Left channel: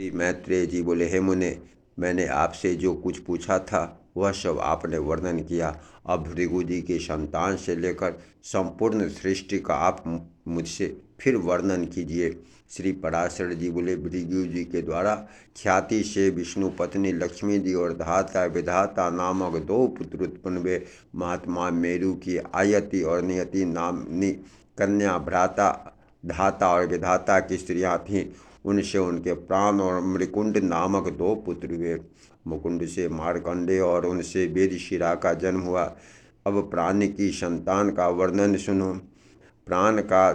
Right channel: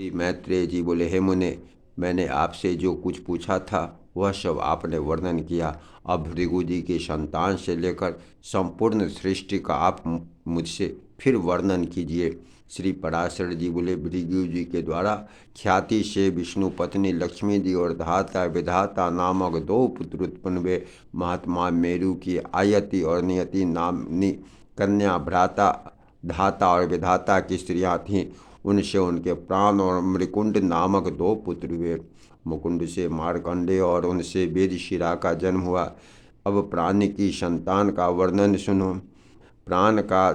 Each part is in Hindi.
श्री मैत्रेय जी बोले, हे मुने, मैंने आपसे जो कुछ पूछा था वह सब आपने वर्णन किया। अब भृगु जी की संतान से लेकर संपूर्ण सृष्टि का आप मुझसे फिर वर्णन कीजिए। श्री पराशर जी बोले, भृगु जी के द्वारा ख्याति से विष्णु पत्नी लक्ष्मी जी और धाता विधाता नामक दो पुत्र उत्पन्न हुए। महात्मा मेरु की आयति और नियति नामनी कन्या भ्राता धाता और विधाता की स्त्रियां थीं। उनसे उनके प्राण और मृकुंड नामक दो पुत्र हुए। मुकुंड से मार्कंडेय और उनसे वेदशिरा का जन्म हुआ। अब प्राण की संतान का वर्णन सुनो। प्राण का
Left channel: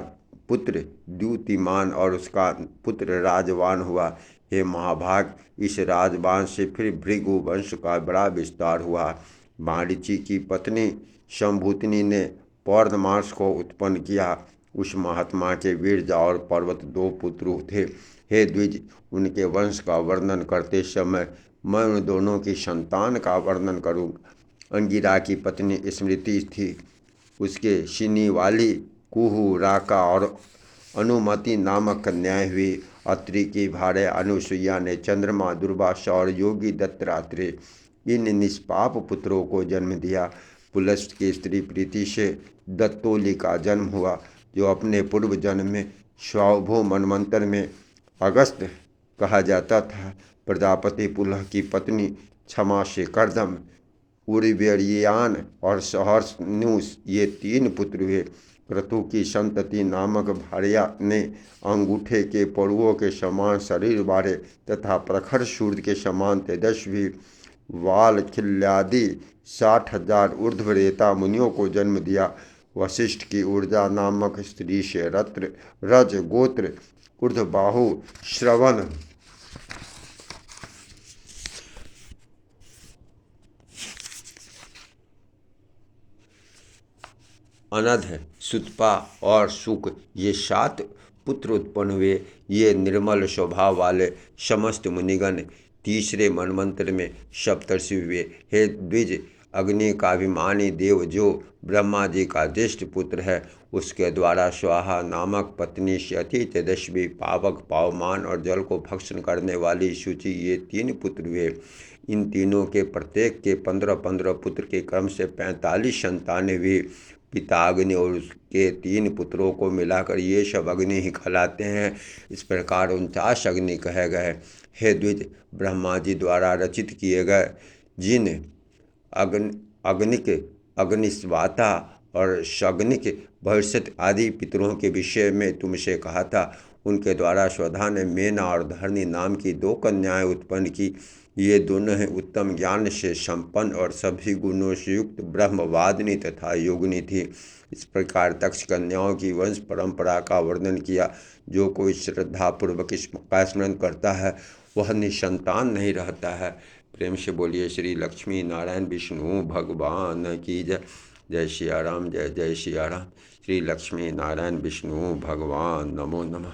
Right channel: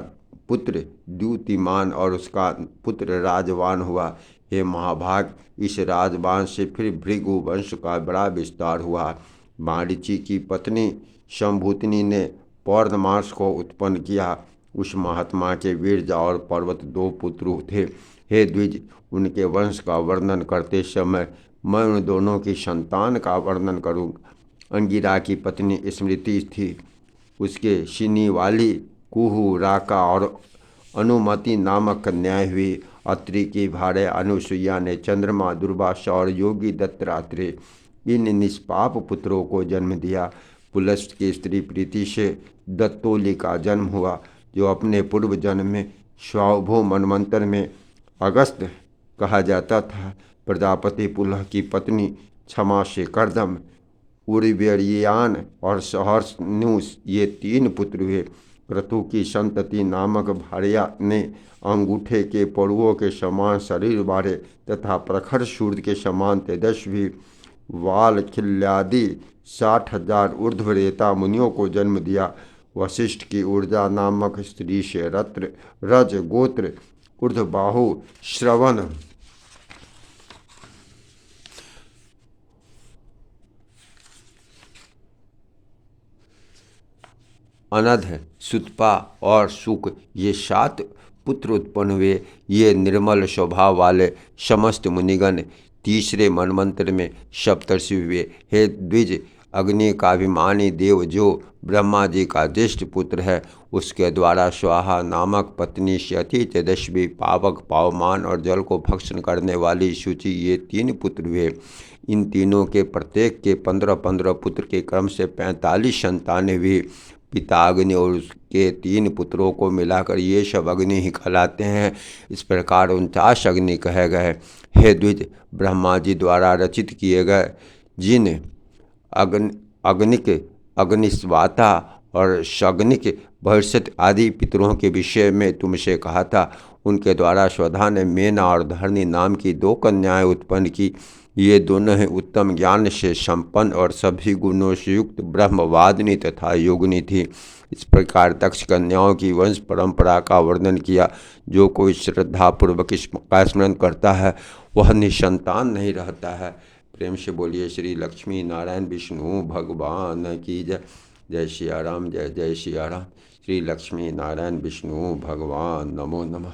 पुत्र द्युतिमान और उसका पुत्र राजवान हुआ। हे महाभाग, इस राजवान से फिर भृगु वंश का बड़ा विस्तार हुआ। मारीचि की पत्नी शंभूतिनी ने पौर्णमास को उत्पन्न किया। उस महात्मा के वीरजा और पर्वत दो पुत्र थे। हे द्विज, उनके वंश का वर्णन करते समय मैं उन दोनों की संतान का वर्णन करूँ। अंगिरा की पत्नी स्मृति थी। उसके सिनी वाली कुहू, राका और अनुमति नामक कन्याएं हुई। अत्रि की भार्या अनुसुईया ने चंद्रमा, दुर्वासा और योगी दत्तात्रेय इन निष्पाप पुत्रों को जन्म दिया। पुलस्त की स्त्री प्रीति से दत्तोली का जन्म हुआ, जो अपने पूर्व जन्म में स्वाभो मनवंतर में अगस्त कहा जाता था। प्रजापति पुलह की पत्नी क्षमा से कर्दम, उर्वरियान और सहर्षनुष ये तीन पुत्र हुए। क्रतु की संतति नामक भार्या ने अंगूठे के पड़ुओं के समान शरीर वाले तथा प्रखर सूर्य के समान तेजस्वी वाल खिल्यादि 60,000 ऊर्ध्वरेता मुनियों को जन्म दिया। वशिष्ठ की ऊर्जा नामक स्त्री से रत्र, रज, गोत्र, ऊर्ध्वबाहु, श्रवण, अनध, सुतपा और सुक ये 7 पुत्र उत्पन्न हुए। ये निर्मल स्वभाव वाले समस्त मुनिगण तीसरे मनवंतर में सप्तर्षि हुए। हे द्विज, अग्नि का अभिमानी देव जो ब्रह्मा जी का ज्येष्ठ पुत्र है, उसके द्वारा स्वाहा नामक पत्नी से अति तेजस्वी, पावक, पावमान और जल को भक्षण करने वाली शुचि ये 3 पुत्र हुए। इन तीनों के प्रत्येक के 15-15 पुत्र के क्रम से 45 संतानें हुई। पिता अग्नि और उसके 3 पुत्रों को मिलाकर ये सब अग्नि ही कहलाते हैं। इस प्रकार 49 अग्नि कहे गए। हे द्विज, ब्रह्मा जी द्वारा रचित किए गए जिन अग्निक, अग्निस्वाता और शग्निक, भविष्यत आदि पितरों के विषय में तुमसे कहा था, उनके द्वारा स्वधा ने मेना और धरणी नाम की 2 कन्याएं उत्पन्न की। ये दोनों ही उत्तम ज्ञान से संपन्न और सभी गुणों से युक्त ब्रह्मवादिनी तथा योगिनी थी। इस प्रकार दक्ष कन्याओं की वंश परंपरा का वर्णन किया। जो कोई श्रद्धापूर्वक इसका स्मरण करता है वह निसंतान नहीं रहता है। प्रेम से बोलिए श्री लक्ष्मी नारायण विष्णु भगवान की जय। जय सिया राम, जय जय सिया राम। श्री लक्ष्मी नारायण विष्णु भगवान नमो नमः।